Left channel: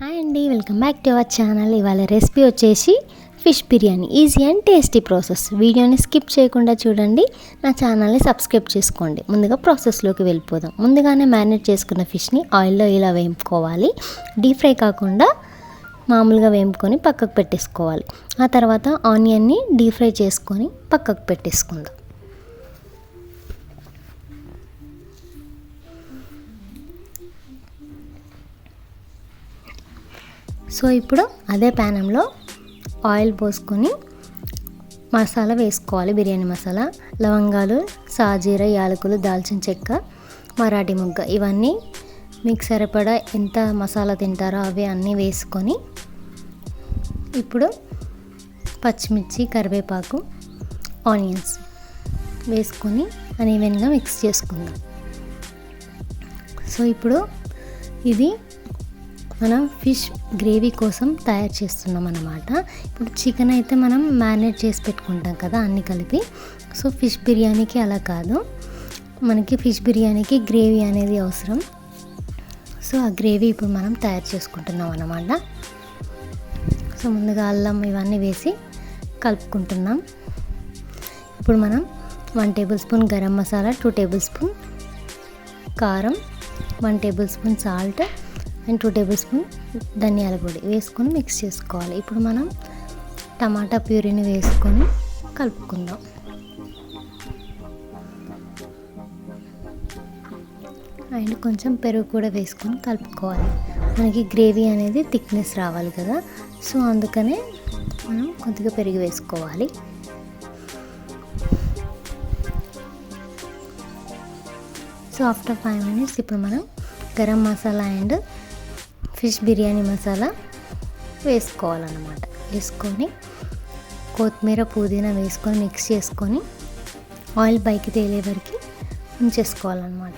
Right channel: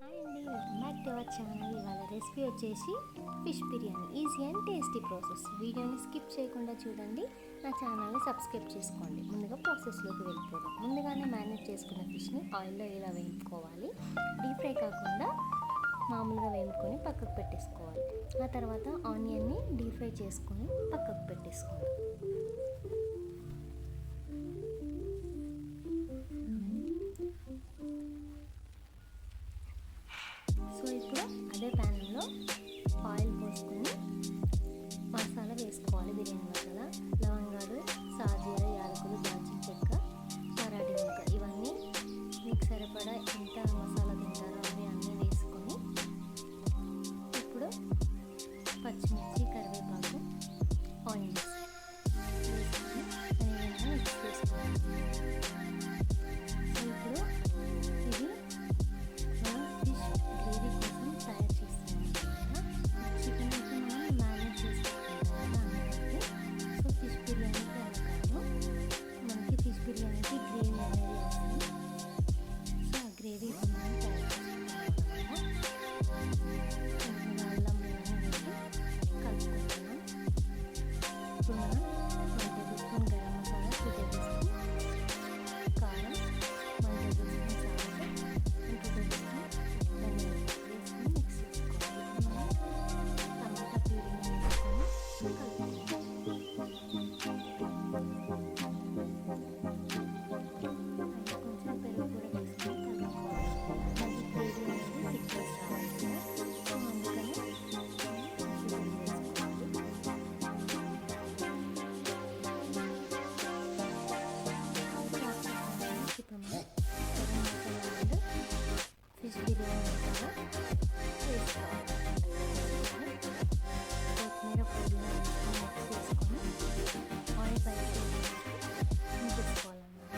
Hi అండి, welcome back to our channel. ఇవాళ recipe వచ్చేసి fish biryani. Easy and tasty process. వీడియోని స్కిప్ చేయకుండా చూడండి, నా ఛానల్ని సబ్స్క్రైబ్ చేసుకోండి. ముందుగా ప్రాసెస్లోకి వెళ్ళిపోదాం. ముందుగానే మ్యారినేట్ చేసుకున్న ఫిష్ని ఆయిల్లో ఇలా వేయించుకోవాలి. డీప్ ఫ్రై కాకుండా మామూలుగా వేయించుకొని పక్కకు పెట్టేసుకోవాలి. ఆ తర్వాత ఆనియన్ని డీప్ ఫ్రై చేసుకొని పక్కకు పెట్టేసుకుందాం. సో ఇప్పుడు అదే ప్యానంలో ఆయిల్ పోసుకొని మసాలా వేసుకోవాలి. బిర్యానీ మసాలా, లవంగాలు, సాజీర, యాలకులు, దాల్చిన చెక్క, మరాఠీ మొగ్గ, ఇవన్నీ మీకు సరిపడా ఎంత మసాలా తింటారో అవి అన్నీ వేసుకొని ఇప్పుడు పచ్చిమిర్చి, కరివేపాకు, ఆనియన్స్ వేసుకొని అన్ఈవెన్గా మిక్స్ చేసుకుందాం. సో ఇప్పుడు ఇది మనం ఫిష్ గ్రేవీ కోసం తయారు చేస్తున్నాం అన్నమాట. ఇప్పుడు చికెన్ అయితే మనం మ్యారినేట్ చేసి పెట్టుకుంటాం కదా అన్నీ కలిపి. సో ఫిష్ బిర్యానీకి అలా కాదు, మనకి ఫిష్ బిర్యానీకి గ్రేవీ అనేది అవసరం. సో ఆ గ్రేవీ ఇప్పుడు మనం తయారు చేసుకుంటున్నాం అన్నమాట. సో ముందుగా అల్లం ఇవన్నీ వేసి కలుపుకుంటున్నాం. ఇప్పుడు మనం 1 table spoon garam masala, 2 table spoon కారం, 1 table spoon salt and 2 table spoon ధనియాల పొడి వేసుకొని మిక్స్ చేసుకోవాలి. ఇప్పుడు మనం టమాటా ప్యూరీని వేసుకొని కలుపుకుందాం. అండ్ కొంచెం పెరుగు కూడా వేసుకొని కలుపుకోవాలి. మనకి గ్రేవీ అనేది థిక్నెస్ రావాలి కదా, సో అందుకనే మనం కొద్దిగా పెరుగు వేసుకోవాలి. సో ఆఫ్టర్ 5 మినిట్స్ ఇప్పుడు మనం గరం మసాలా అండ్ ఫిష్ బిర్యానీ మసాలా వేసుకోవాలన్నమాట. వేసుకొని కొత్తిమీర, పుదీనా వేసుకొని మిక్స్ చేసుకొని ఆయిల్ పైకి తేలే వరకు ఉంచేసుకోవాలన్నమాట.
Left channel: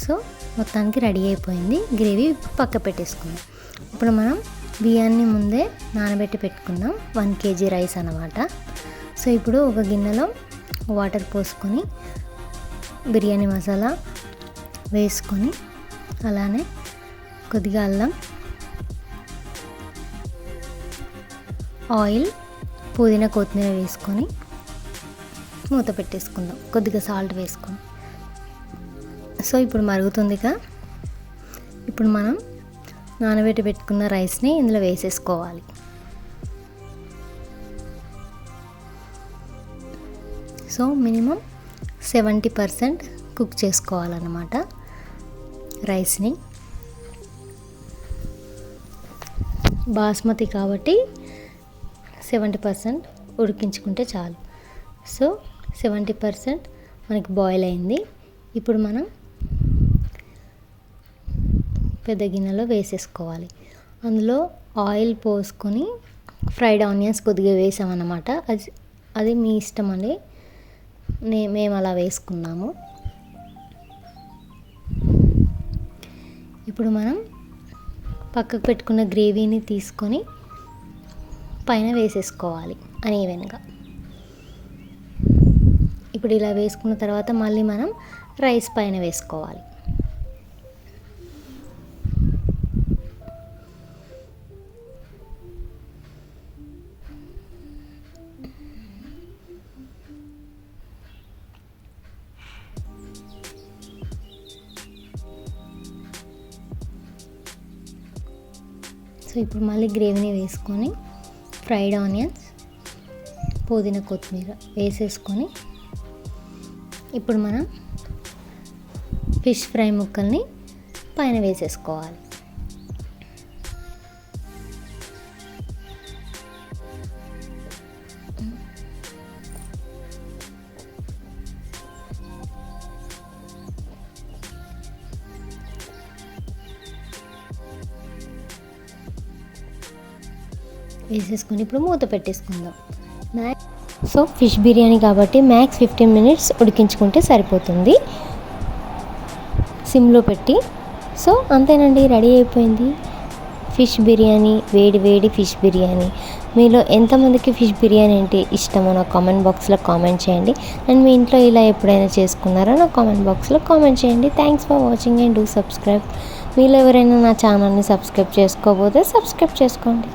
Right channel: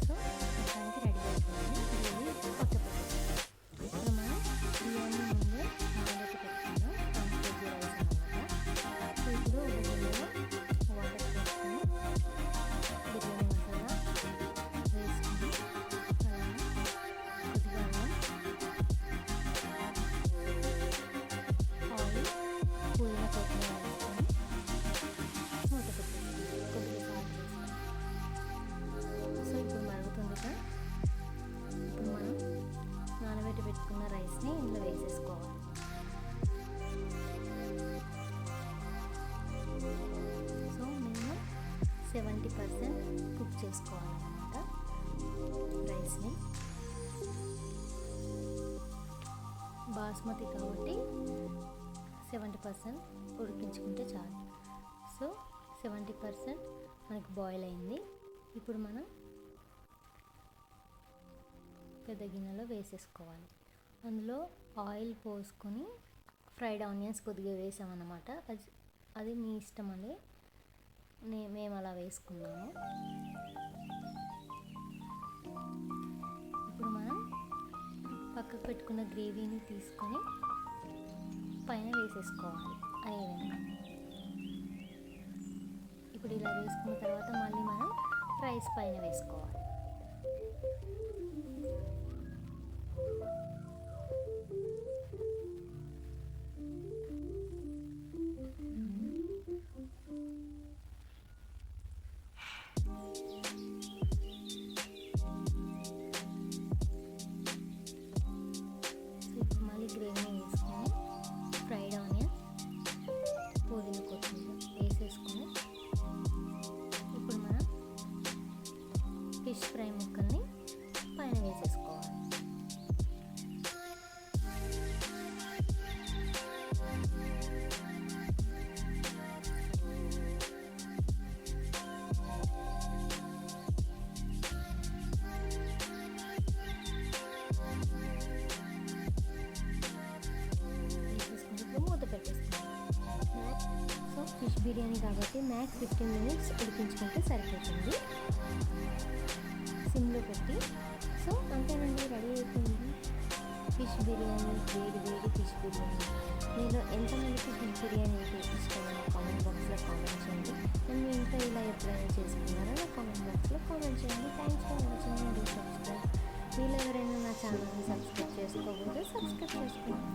సో మొత్తానికి రెడీ అయిపోయింది గ్రేవీ. పక్క పెట్టేసుకుందాం. ఇప్పుడు మనం బియ్యాన్ని ముందే నానబెట్టి పెట్టుకుందాం. 1 kg రైస్ అన్నమాట. సో ఇప్పుడు ఒక గిన్నెలో వాటర్ పోసుకొని బిర్యానీ మసాలా వేసుకొని అలానే కొద్దిగా అల్లం, ఆయిల్, పుదీనా, కొత్తిమీర వేసుకొని మూత పెట్టేసుకుందాం. కొద్దిగా సాల్ట్ వేసుకొని. సో ఇప్పుడు మరుగుతుందిగా, ఇప్పుడు మనం నానబెట్టి పెట్టుకున్న రైస్ని ఇందులో వేసేసుకోవాలి. సో మినిమం 70% కుక్ చేసుకోవాలన్నమాట రైస్ని. బాస్మతి కాబట్టి 70% ఉడికించుకుంటే చాలు. సో 70% మనకి బాయిల్ అయింది. ఇప్పుడు మనం పెద్ద గిన్నెలో వేసేసుకోవాలి. అందులో ఆయిల్ పోసుకొని ఫ్రైడ్ ఆనియన్స్ కొద్దిగా వేసామన్నమాట. అది మీ ఇష్టం అండి, మేము అలా వేసుకున్నాము. ఇప్పుడు మనం పక్కకు పెట్టుకున్న గ్రేవీని తీసుకొని పైన వేసేసుకోవాలి అన్ఈవెన్గా. ఇప్పుడు ఇలా వేసుకున్న తర్వాత మళ్ళీ మనం రైస్ పైన వేసుకోవాలి. సో ఇప్పుడు మళ్ళీ గ్రేవీని వేసుకొని ఫ్రైడ్ ఆనియన్స్, పుదీనా, కొత్తిమీర వేసేసుకొని ఇప్పుడు మనం ఫిష్ ఫ్రై ముక్కల్ని పైన వేసేసుకోవాలి. వేసేసుకొని ఇప్పుడు మూత పెట్టేసుకుందాం. సో ఫిష్ బిర్యానీ కాబట్టి మ్యాక్స్ 15 మినిట్స్ ఉడికించుకుంటే సరిపోతుంది సిమ్లో పెట్టి. సో అంతేనండి, రెడీ అయిపోయింది ఫిష్ బిర్యానీ. వేడి వేడి ఫిష్ బిర్యానీ. మీలో ఎంతమందికి ఫిష్ బిర్యానీ అంటే ఇష్టమో నాకు కామెంట్ బాక్స్లో కామెంట్ చేయండి. అండ్ మీ ఇంట్లో ఇలా ఎప్పుడైనా చేసుకున్నారో నాకు కామెంట్ బాక్స్లో కామెంట్ చేయండి. Thanks for watching and do subscribe. మీలో ఎవరైనా నా ఛానల్ని సబ్స్క్రైబ్ చేసుకోకపోతే సబ్స్క్రైబ్ చేసుకోండి.